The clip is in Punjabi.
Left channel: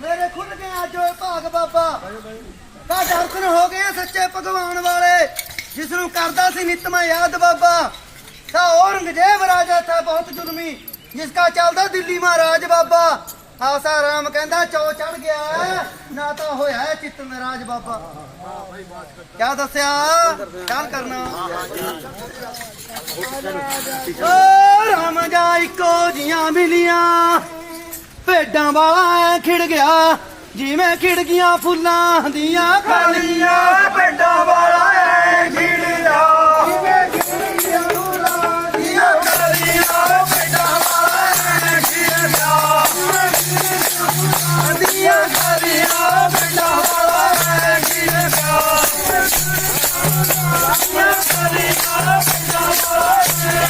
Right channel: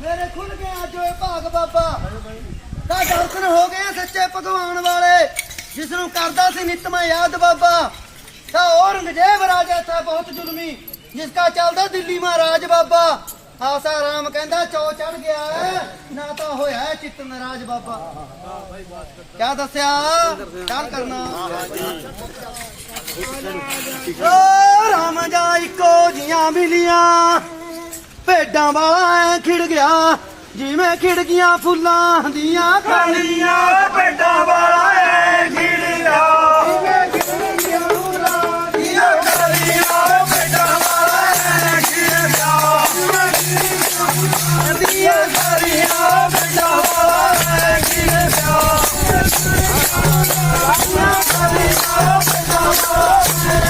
ਮੇਰੇ ਖੁੱਲ ਗਏ ਅੱਜ ਓਏ ਭਾਗ ਬਾਬਾ ਕਾ ਦਰਸ਼ਨ ਹੋ ਗਏ ਸੱਚੇ ਭਗਵਾਨ ਵਾਲੇ ਜਿਸ ਨੂੰ ਕਰਦਾ ਸੀ ਨਿਤਮਾ ਯਾਦ ਬਾਬਾ ਕਾ ਔਰੰਗਜ਼ੇਬ ਰਾਜਾ ਥਾ ਬਹੁਤ ਜ਼ੁਲਮੀ ਜਿਸ ਕਾ ਚੱਲਦਾ ਦਿੱਲੀ ਮਹਾਰਾਜ ਬਾਬਾ ਆਸਾ ਰਾਮ ਕਹਿੰਦਾ ਚੋ ਚੜ ਗਿਆ ਨਾ ਤਾਂ ਹੋਇਆ ਚਿੱਤ ਨਰਾਜ ਬਾਬਾ ਕਿਆ ਦੱਸਿਆ ਕੀ ਕਰਨਾ ਓ ਰਾਮ ਜਾਈ ਕੋ ਜੀਆਂ ਮਿਲੀਆਂ ਪੇਡਾਂ ਵਾਲਾ ਖਿੜ ਗਿਆ ਜਿਵੇਂ ਖਿੜ ਗਿਆ ਫੁੱਲਾਂ ਦੀਆਂ ਖਾਲੀਆਂ ਪੇਟਾਂ ਵਾਲਾ ਐ ਖਿੜ Yeah.